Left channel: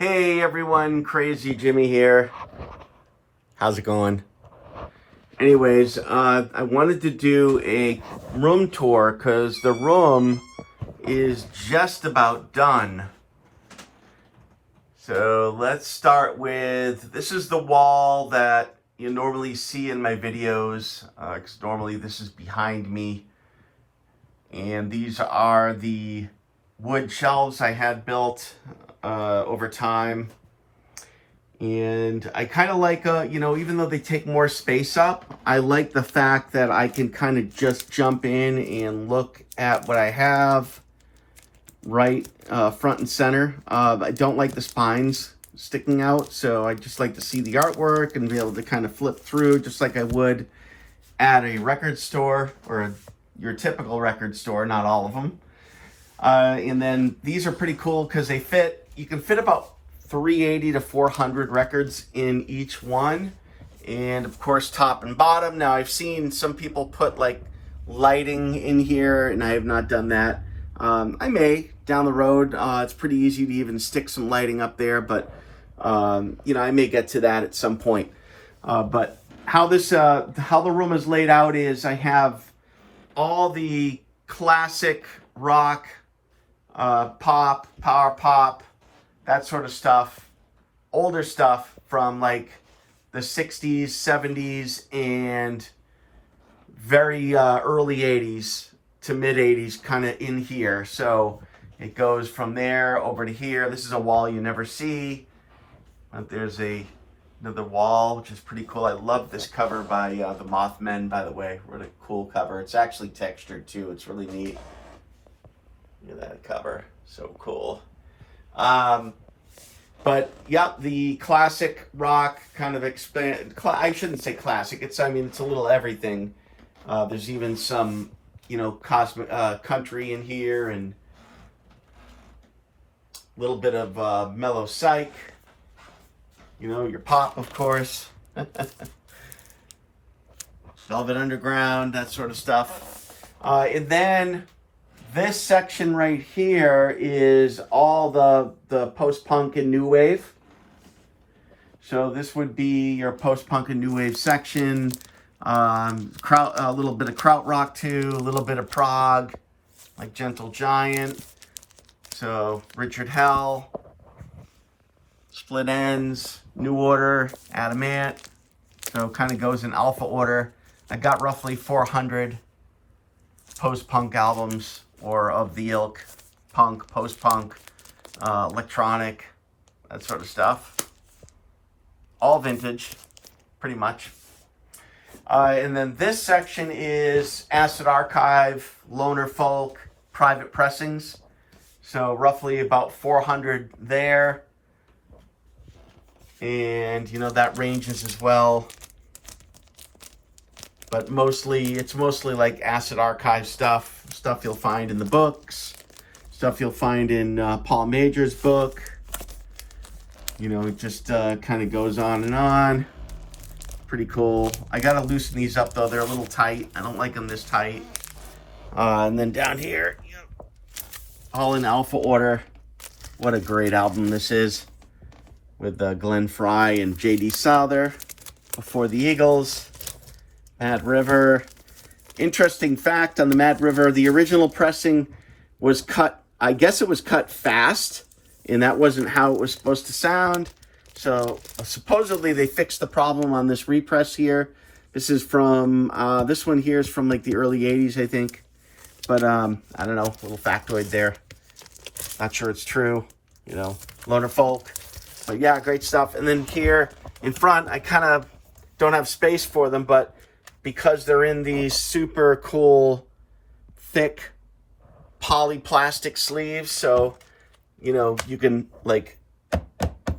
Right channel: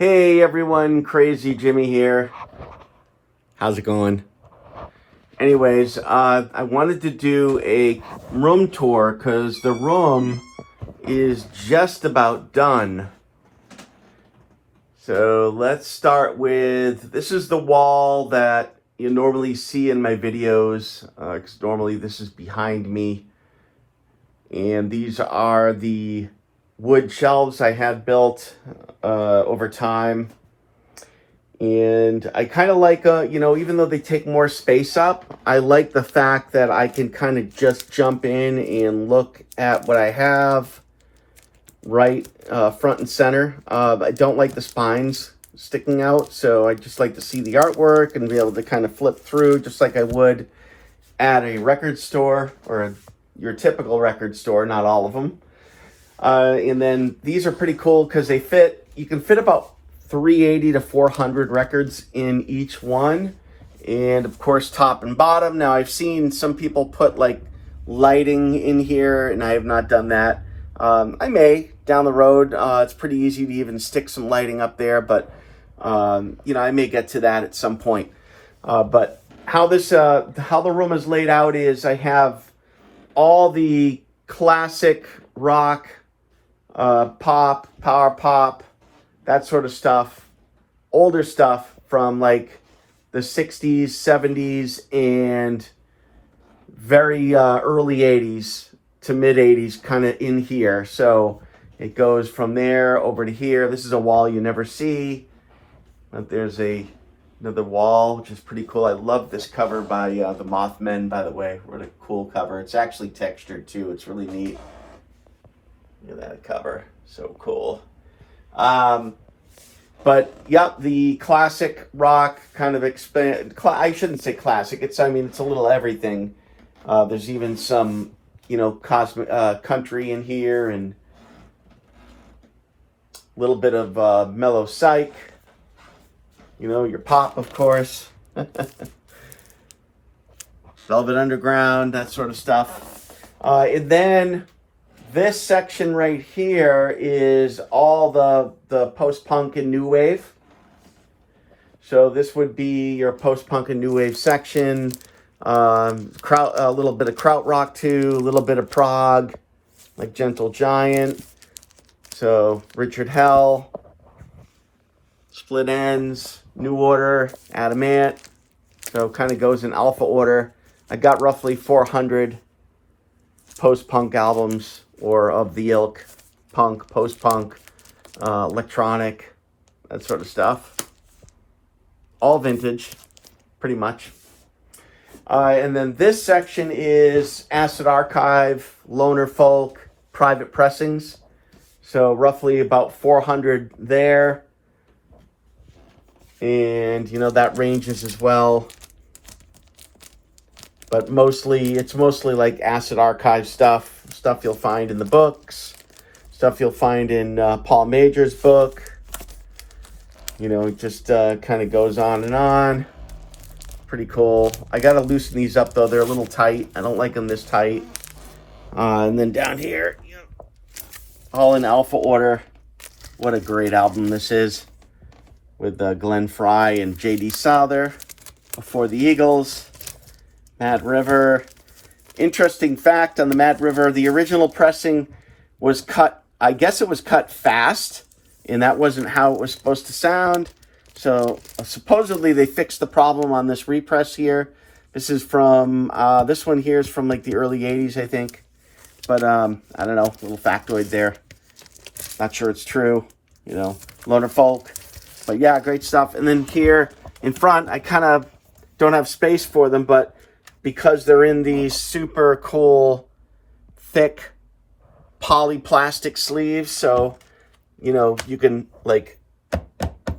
Hey everyone, Crazy Jimmy here. How's it going? Anyways, I wanted to do a room tour because the room is just about done. So let's start with, this is the wall that you normally see in my videos, because normally this is behind me. And these are the wood shelves I had built over time. And I kind of like, even though they take more space up, I like the fact that I can kind of just jump in and look at what I have right front and center. I don't like the spines sticking out, so I just like to see the artwork and be able to kind of flip through just like I would at a record store or your typical record store, not all of them. And then these are pretty cool because they fit, you can fit about 380 to 400 records in each one. And of course, top and bottom. Now I've seen some people put like lighting in here and I have not done that. I may down the road. It's pretty easy to even stick some lighting up there, but I may get to that at some point. But how the room is laid out is I have all the classic rock, pop, power pop, that sort of stuff, older stuff from like the 60s, 70s, and very early 80s to mid 80s kind of in here. So it goes from there over to here. This is a wall you never see. And there's another wall, which is pretty cool. I love this cover by the Mothmen, by the way. What a cool cover. It's actually textured too. It's really neat. Look at that cover. So cool. But yeah, the classic rock kind of I shouldn't say classic. It's a little everything. There's even some, cosmic country in here and a little bit of mellow psych. Your pop, of course. Velvet Underground, that sort of stuff. And then this section right here is all the post-punk and new wave. So this would be your post-punk and new wave section. A little bit of krautrock too, a little bit of prog, like Gentle Giant. So Richard Hell, Split Ends, New Order, Adamant. So it kind of goes in alpha order. I got roughly 400 post-punk albums, or of the ilk, punk, post-punk, electronic, that sort of stuff. All vintage, pretty much. And then this section is Acid Archive, Loner Folk, private pressings. So roughly about 400 there. And, that ranges as well. But it's mostly like Acid Archive stuff you'll find in the books, stuff you'll find in Paul Major's book. It just kind of goes on and on. Pretty cool. I gotta loosen these up though, they're a little tight. I don't like them this tight. And then down here, all in alpha order. What a great album this is, with Glenn Frey and J.D. Souther, Before the Eagles, Mad River. Interesting fact on the Mad River, the original pressing was cut, I guess it was cut fast, and that wasn't how it was supposed to sound. So supposedly they fixed the problem on this repress here. This is from, this one here is from like the early 80s, I think. But I don't know, little factoid there. Not sure it's true, Loner Folk. But yeah, great stuff. And then here in front, I kind of don't have space for them, but because they're in these super cool, thick polyplastic sleeves, so, you can, like,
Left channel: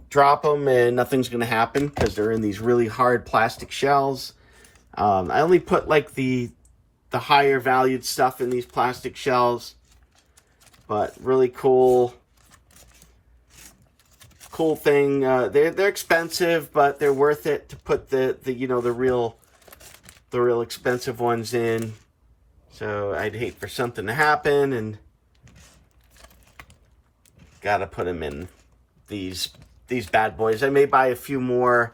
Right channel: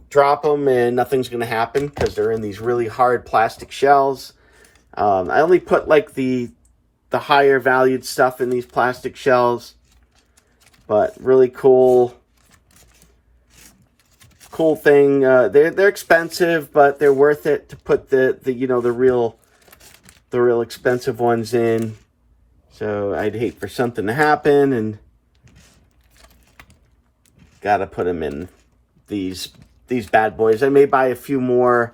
drop them and nothing's going to happen because they're in these really hard plastic shells. I only put, like, the higher valued stuff in these plastic shells, but really cool thing. They're expensive, but they're worth it to put the real expensive ones in. So I'd hate for something to happen and gotta put them in these these bad boys. I may buy a few more.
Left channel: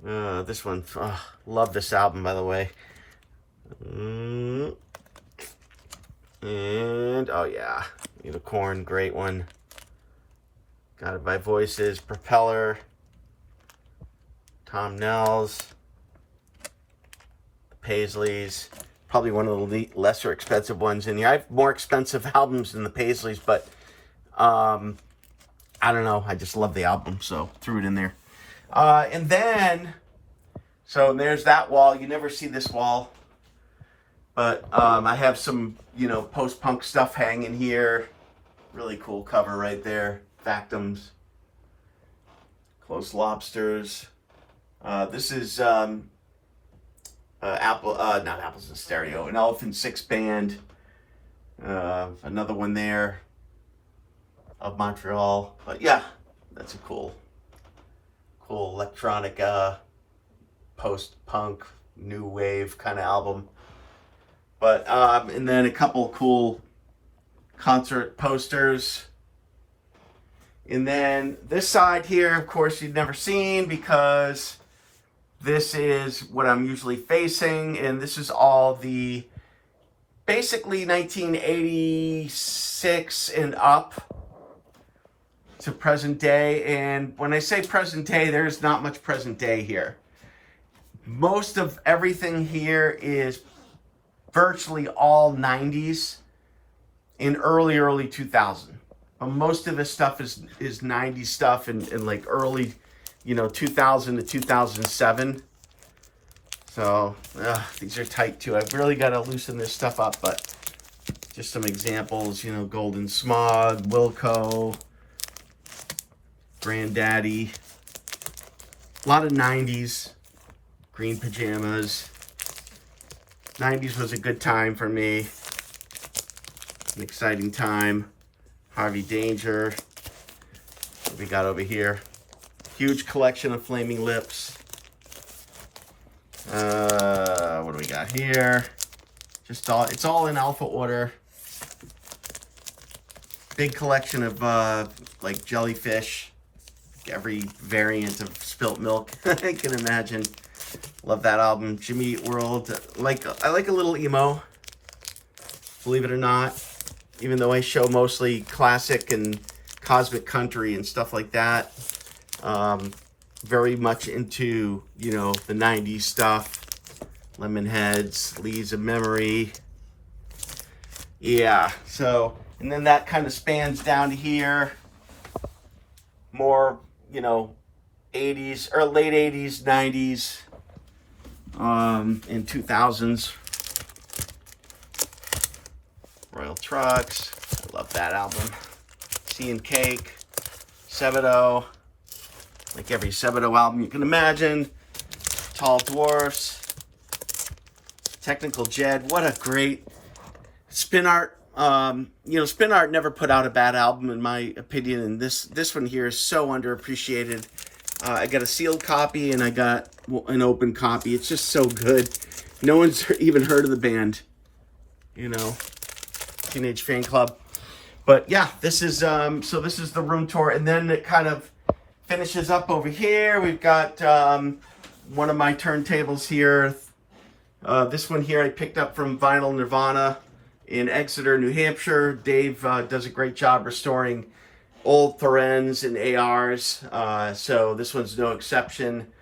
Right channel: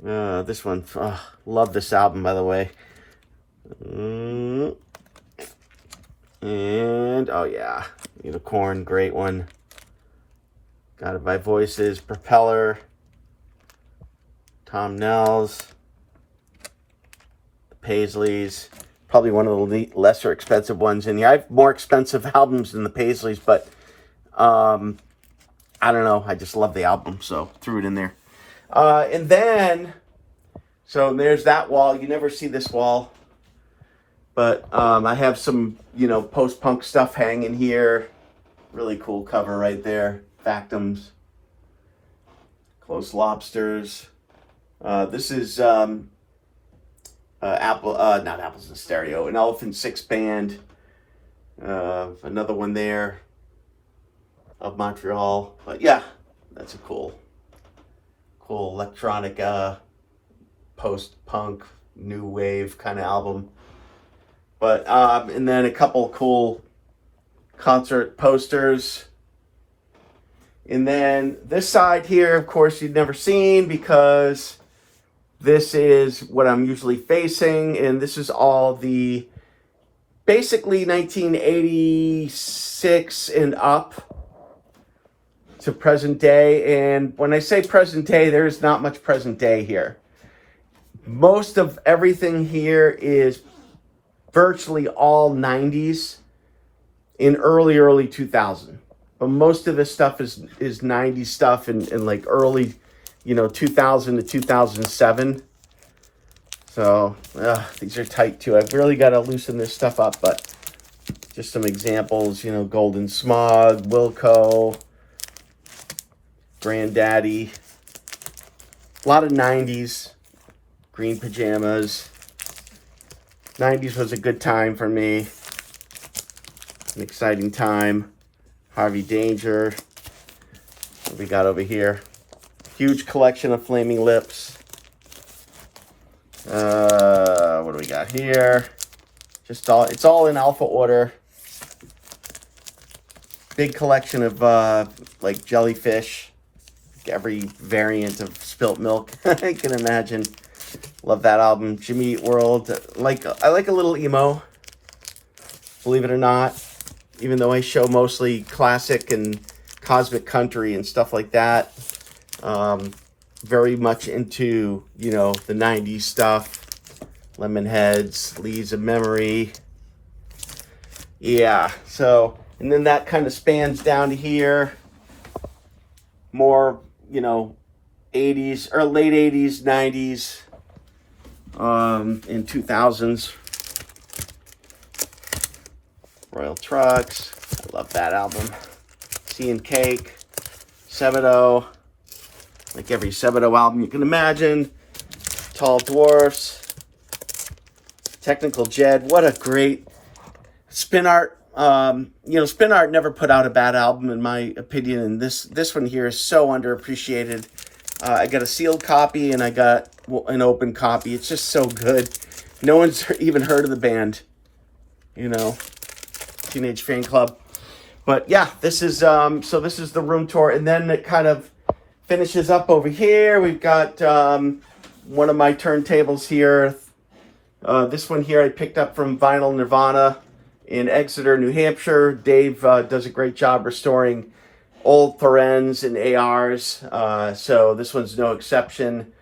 This one, oh, love this album, by the way. And, oh yeah, Unicorn, great one. Guided by Voices, Propeller, Tom Nels, the Paisleys, probably one of the lesser expensive ones. And yeah, I have more expensive albums than the Paisleys, but I don't know, I just love the album, so threw it in there. And then, so there's that wall. You never see this wall, but I have some, you know, post-punk stuff hanging here. Really cool cover right there. Factums, Close Lobsters. This is not Apples in Stereo, an Elephant Six Band. Another one there of Montreal. Yeah, that's a cool electronic post-punk new wave kind of album. But and then a couple cool concert posters. And then this side here, of course, you've never seen because this is what I'm usually facing. And this is all the basically 1986 and up to present day. And when I say present day, there's not much present day here. Most of everything here is virtually all 90s and early 2000. But most of this stuff is 90s stuff and like early, you know, 2000 to 2007. So these are tight too. I've really got to loosen this stuff up, but just some examples, you know, Golden Smog, Wilco, Granddaddy, a lot of 90s, Green Pajamas. 90s was a good time for me, an exciting time. Harvey Danger. What we got over here? Huge collection of Flaming Lips. What do we got here? Just all, it's all in alpha order. Big collection of like Jellyfish. Every variant of Spilt Milk I can imagine. Love that album. Jimmy Eat World. I like a little emo, believe it or not. Even though I show mostly classic and cosmic country and stuff like that. Very much into, you know, the 90s stuff. Lemonheads, Leaves of Memory. Yeah, so, and then that kind of spans down to here. More, you know, 80s, or late 80s, 90s, and 2000s. Royal Trucks, I love that album. Tea and Cake, Sebadoh, like every Sebadoh album you can imagine. Tall Dwarfs, Technical Jed, what a great Spin Art. You know, Spin Art never put out a bad album in my opinion, and this one here is so underappreciated. I got a sealed copy and I got an open copy. It's just so good. No one's even heard of the band, you know. Teenage Fan Club. But yeah, this is so this is the room tour, and then it kind of finishes up over here. We've got one of my turntables here. This one here I picked up from Vinyl Nirvana in Exeter, New Hampshire. Dave does a great job restoring old Therens and ARs, so this one's no exception.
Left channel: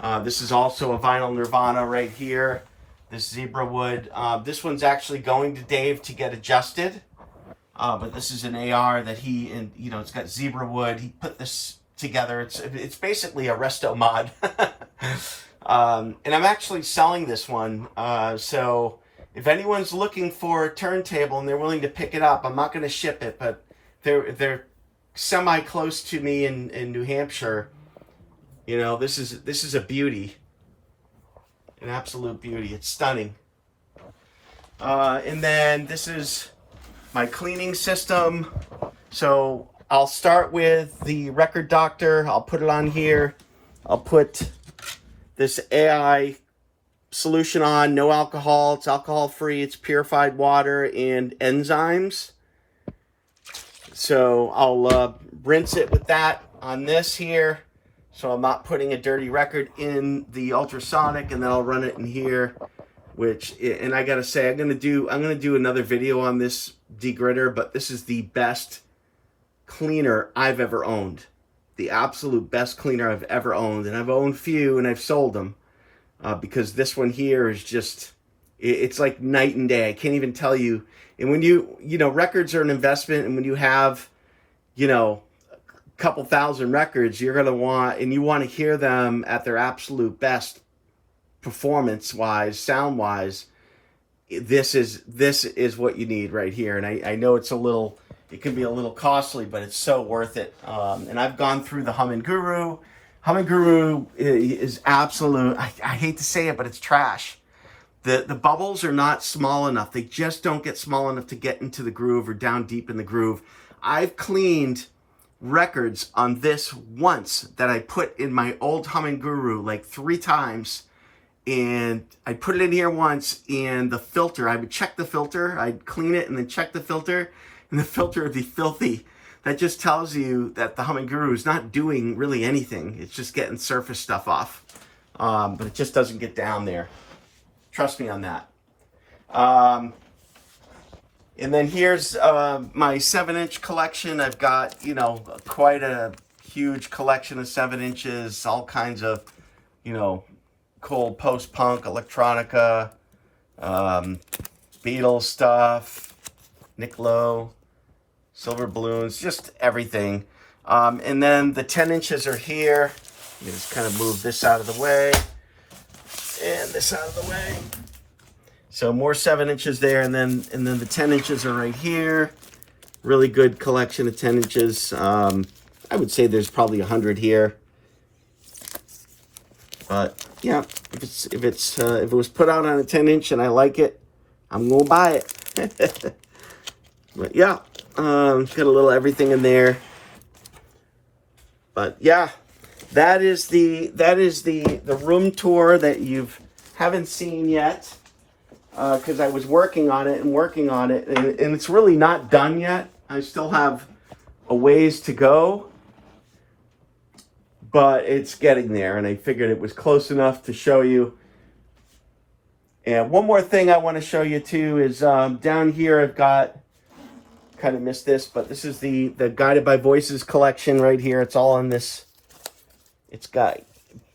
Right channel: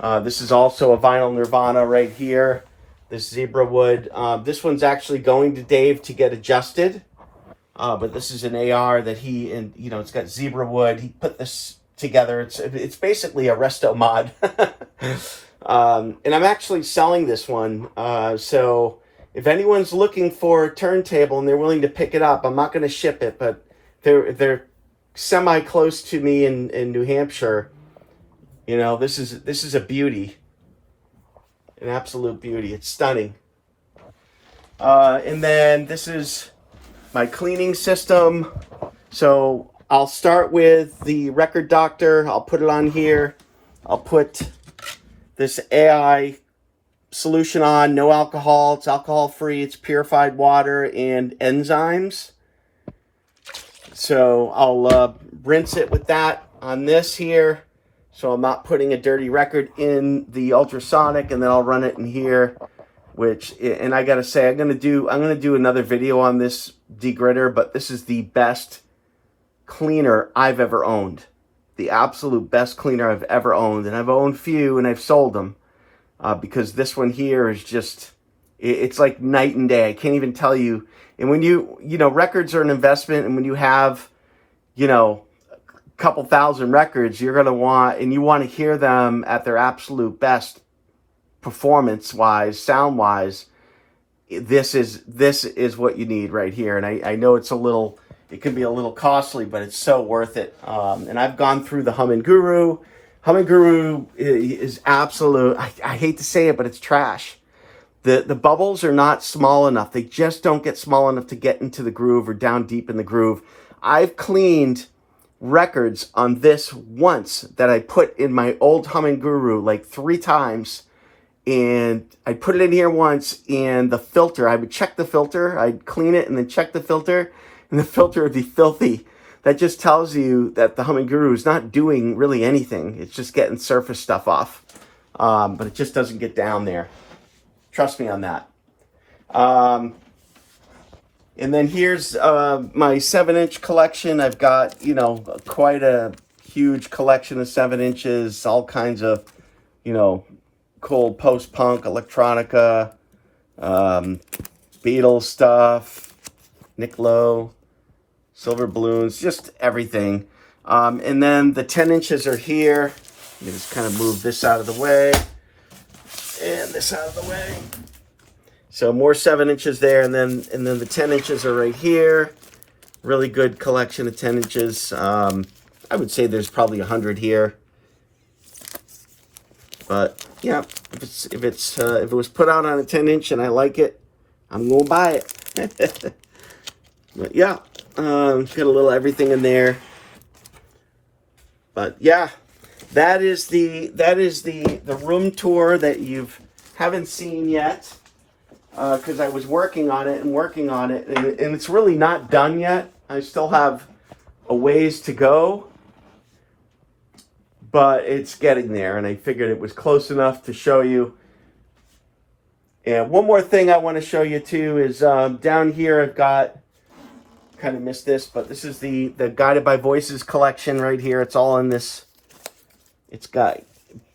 This is also a Vinyl Nirvana right here. This zebra wood. This one's actually going to Dave to get adjusted. But this is an AR that he, and you know, it's got zebra wood. He put this together. It's basically a resto mod. And I'm actually selling this one. So if anyone's looking for a turntable and they're willing to pick it up, I'm not going to ship it, but they're semi close to me in New Hampshire. You know, this is a beauty. An absolute beauty. It's stunning. And then this is my cleaning system. So I'll start with the Record Doctor. I'll put it on here. I'll put this AI solution on. No alcohol. It's alcohol free. It's purified water and enzymes. So I'll rinse it with that on this here, so I'm not putting a dirty record in the ultrasonic, and then I'll run it in here. And I gotta say, I'm gonna do another video on this degritter, but this is the best cleaner I've ever owned. The absolute best cleaner I've ever owned. And I've owned few and I've sold them because this one here is just, it's like night and day. I can't even tell you. And when you know, records are an investment, and when you have, you know, a couple thousand records, you're going to want, and you want to hear them at their absolute best performance wise, sound wise. This is what you need right here. And I know it's it can be a little costly, but it's so worth it. And I've gone through the Humming Guru. Humming Guru is absolute, I hate to say it, but it's trash. The bubbles are not small enough. They just don't get small enough to get into the groove or down deep in the groove. I've cleaned records on this once that I put in my old Humming Guru like 3 times. And I put it in here once, and the filter, I would check the filter. I'd clean it and then check the filter, and the filter would be filthy. That just tells you that the Humming Guru is not doing really anything. It's just getting surface stuff off. But it just doesn't get down there. Trust me on that. And then here's my 7-inch collection. I've got, you know, quite a huge collection of 7 inches, all kinds of, you know, cool post-punk, electronica, Beatles stuff, Nick Lowe, Silver Blues, just everything. And then the 10 inches are here. Let me just kind of move this out of the way and this out of the way. So more 7 inches there, and then the 10 inches are right here. Really good collection of 10 inches. I would say there's probably 100 here. But yeah, if it was put out on a 10-inch and I like it, I'm gonna buy it. But yeah, got a little everything in there. But yeah, that is the room tour that you haven't seen yet, because I was working on it, and it's really not done yet. I still have a ways to go. But it's getting there, and I figured it was close enough to show you. And one more thing I want to show you too is down here I've got, kind of missed this, but this is the Guided by Voices collection right here. It's all in this. It's got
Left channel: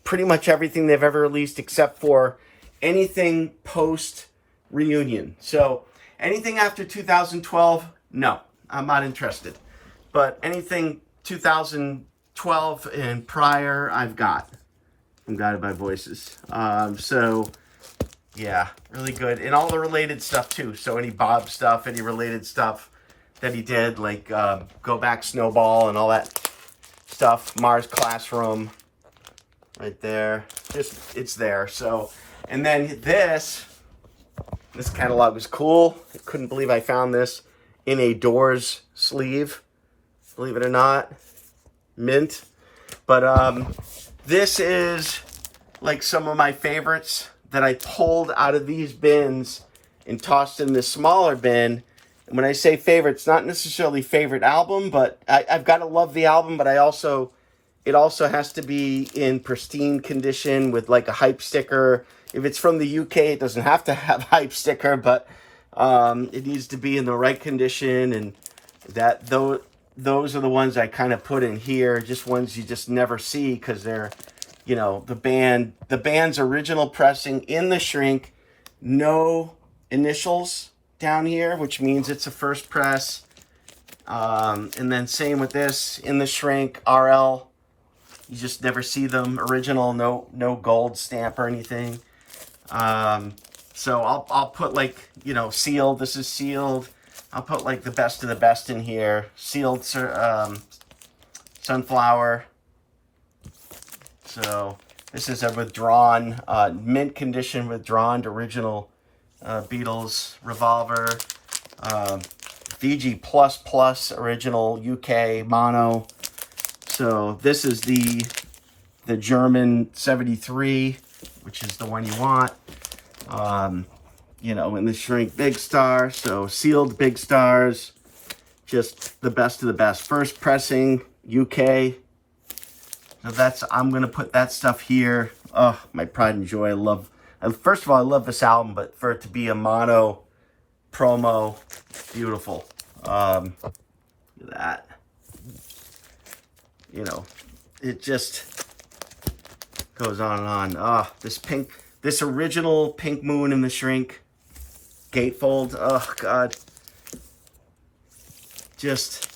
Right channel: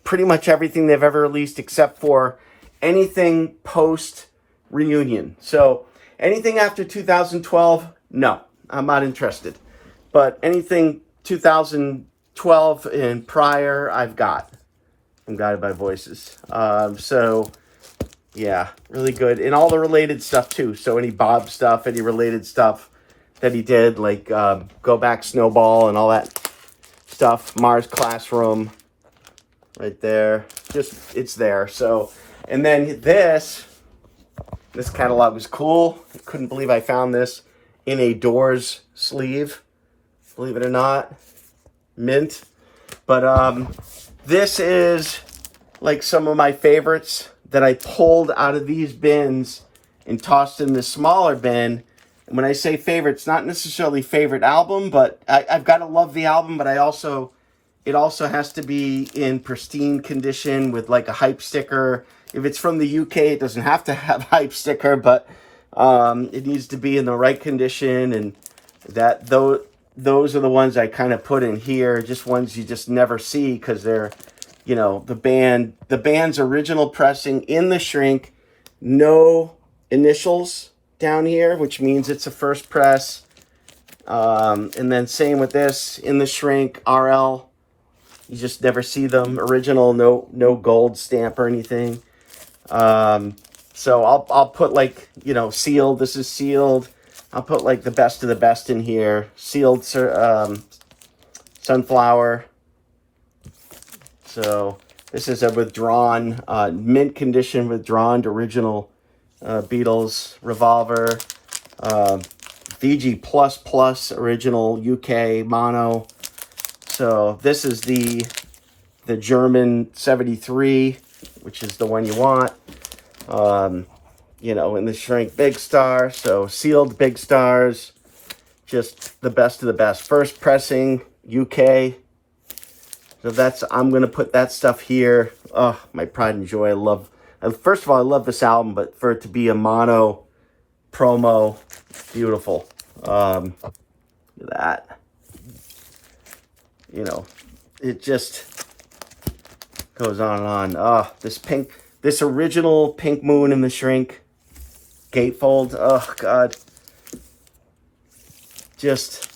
pretty much everything they've ever released except for anything post-reunion. So anything after 2012, no, I'm not interested. But anything 2012 and prior, I've got from Guided by Voices. So yeah, really good. And all the related stuff too. So any Bob stuff, any related stuff that he did, like Go Back Snowball and all that stuff. Mars Classroom right there. Just, it's there. So, and then this catalog was cool. I couldn't believe I found this in a Doors sleeve. Believe it or not. Mint. But this is like some of my favorites that I pulled out of these bins and tossed in this smaller bin. And when I say favorite, it's not necessarily favorite album, but I've got to love the album, but it also has to be in pristine condition with like a hype sticker. If it's from the UK, it doesn't have to have hype sticker, but it needs to be in the right condition. And those are the ones I kind of put in here, just ones you just never see because they're, you know, the band's original pressing in the shrink, no initials down here, which means it's a first press. And then same with this, in the shrink, RL. You just never see them. Original, no gold stamp or anything. So I'll put like, you know, sealed. This is sealed. I'll put like the best of the best in here. Sealed Sunflower. So this is a withdrawn, mint condition withdrawn original Beatles Revolver. VG++ original UK mono. So this is the German 73, which is the one you want. You know, in the shrink Big Star. So sealed Big Stars, just the best of the best. First pressing UK. So that's, I'm going to put that stuff here. Oh, my pride and joy. I love, first of all, I love this album, but for it to be a mono promo, beautiful. Look at that. You know, it just goes on and on. Oh, this pink, this original Pink Moon in the Shrink gatefold. Oh, God. Just,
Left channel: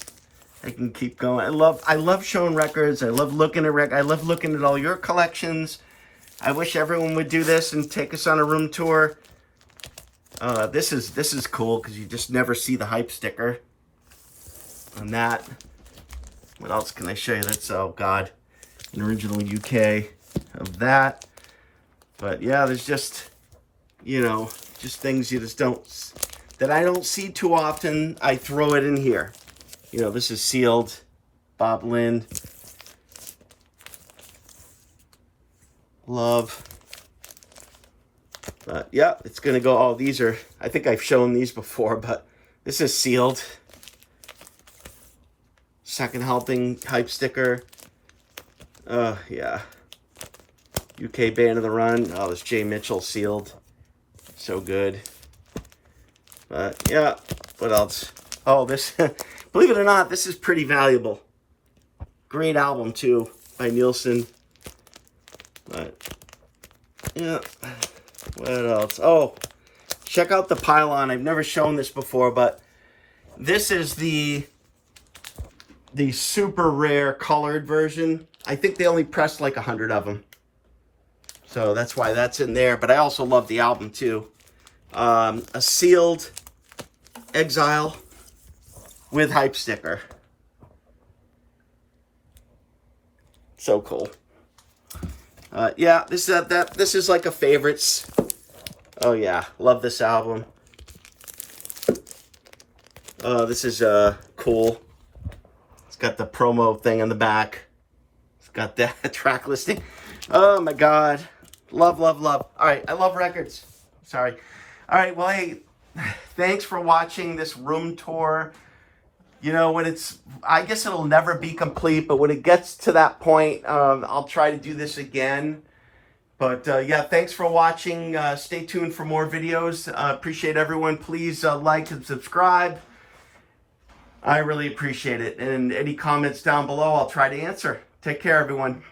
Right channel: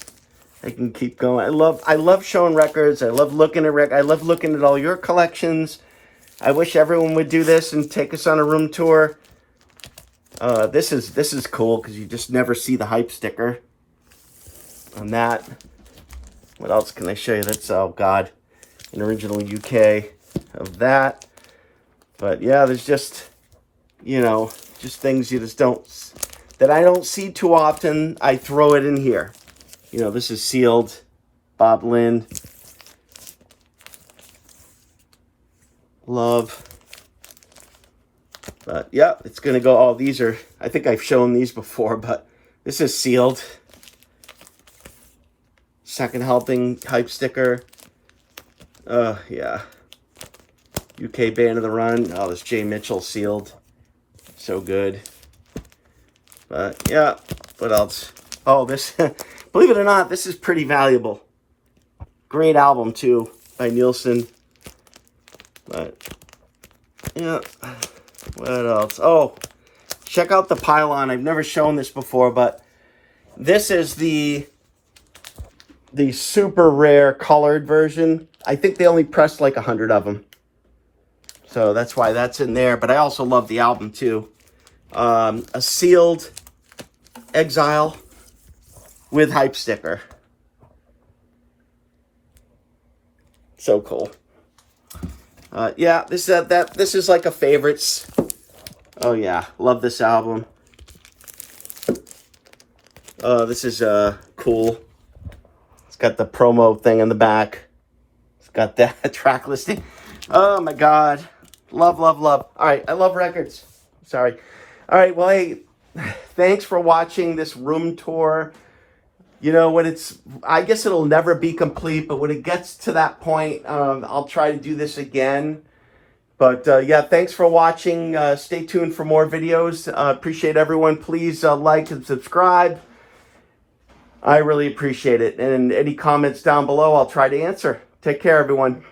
I can keep going. I love showing records. I love looking at I love looking at all your collections. I wish everyone would do this and take us on a room tour. This is cool because you just never see the hype sticker on that. What else can I show you? That's, oh God, an original UK of that. But yeah, there's just, you know, just things you just don't, that I don't see too often. I throw it in here. You know, this is sealed, Bob Lynn. Love. But yeah, it's going to go, oh, these are, I think I've shown these before, but this is sealed. Second helping hype sticker. Yeah. UK Band of the Run. Oh, it's Jay Mitchell sealed. So good. But yeah, what else? Oh, this, believe it or not, this is pretty valuable. Great album too, by Nielsen. But yeah, what else? Oh, check out the pylon. I've never shown this before, but this is the super rare colored version. I think they only pressed like 100 of them. So that's why that's in there. But I also love the album too. A sealed Exile with hype sticker. So cool. Yeah, this is like a favorites. Oh yeah, love this album. This is cool. It's got the promo thing in the back. It's got that track listing. Oh my God, love, love, love. All right, I love records. Sorry. All right, well, hey, thanks for watching this room tour. You know, when it's, I guess it'll never be complete, but when it gets to that point, I'll try to do this again. But yeah, thanks for watching. Stay tuned for more videos. Appreciate everyone. Please like and subscribe. I really appreciate it. And any comments down below, I'll try to answer. Take care, everyone.